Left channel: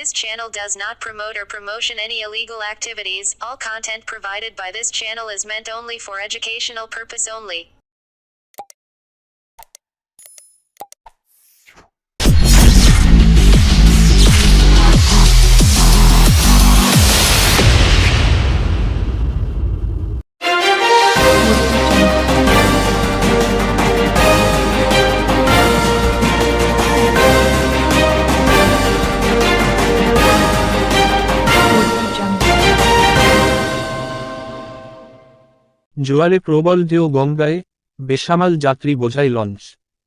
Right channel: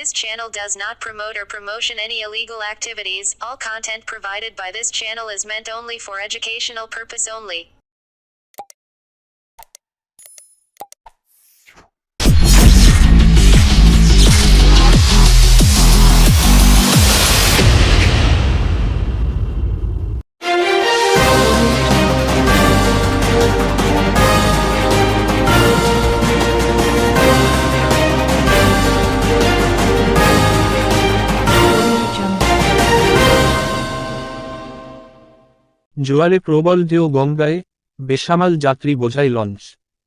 This channel does not promote or promotion any illegal activities. All content provided by this channel is meant only for educational purpose only. জোয়ারে প্রবল ঢেউ গঙ্গায়, বেসামাল যাত্রী বোঝাই launch.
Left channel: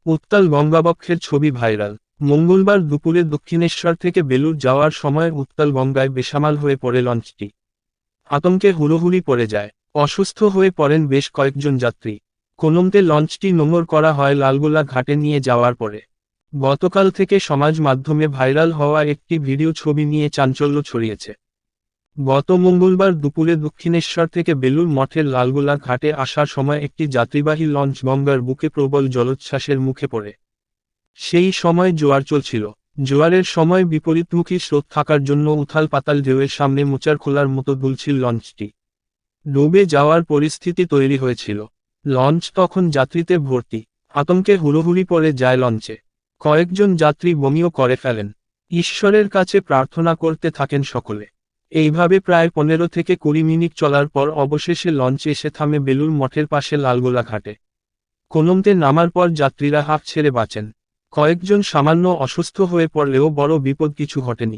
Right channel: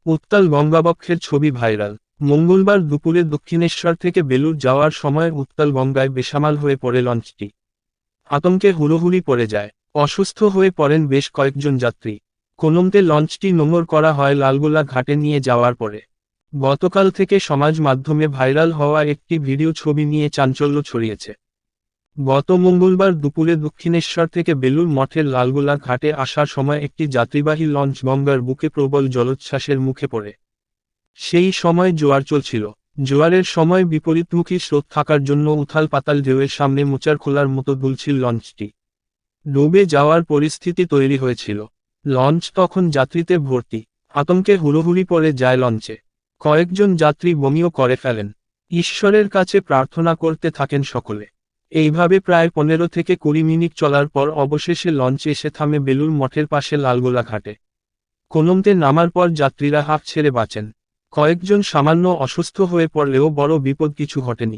উত্তাল গঙ্গাবক্ষের ছবি ভাইরাল। মঙ্গলবার দুপুরে দক্ষিণেশ্বর থেকে বেলুড় যাওয়ার সময় উত্তাল গঙ্গায় বেসামাল হয়ে পড়ে লঞ্চটি। আতঙ্কে হুড়োহুড়ি পড়ে যায়। অসুস্থ হয়ে পড়েন বেশ কয়েকজন যাত্রী। কোনোমতে লঞ্চটি নোঙর করা হয় লালগোলা ঘাটে নিয়ে যাওয়ার পরে। গতকাল থেকে সমাজ মাধ্যমে ভাইরাল হওয়া একটি ভিডিও ছবি নিয়ে চাঞ্চল্য ছড়িয়েছে। গত মঙ্গলবার দুপুরে দক্ষিণেশ্বর থেকে বেলুড় মঠের লালগোলা ঘাটে আসার সময় একটি যাত্রীবাহী লঞ্চ গঙ্গার বুকে প্রবল জলোচ্ছ্বাসের মুখে পড়ে। সেই সময় জোয়ার চলছিল। জোয়ারের সময় বিপরীতমুখী স্রোত থাকার জন্য উথাল পাতাল ঢেউয়ের সামনে মোচার খোলার মতো দুলছিল লঞ্চটি। ডুবে যাওয়ার পরিস্থিতি তৈরি হয়েছিল। লঞ্চ তখন যাত্রীতে ভর্তি। আতঙ্কে হুড়োহুড়ি পড়ে যায় লঞ্চে। কয়েকজন যাত্রী বমিও করে ফেলেন। ঈশ্বরের কাছে প্রার্থনা করতে থাকেন সকলে। এইভাবে প্রায় 15 থেকে 20 মিনিট চলার পর অবশেষে লঞ্চ এসে থামে বেলুড় মঠের পাশে লালগোলা ঘাটে। কোনোমতে নামার পর যাত্রীরা হাঁফ ছেড়ে বাঁচেন। কয়েকজন সামান্য অসুস্থ হয়ে পড়লেও বড় বিপদ কিছু ঘটেনি।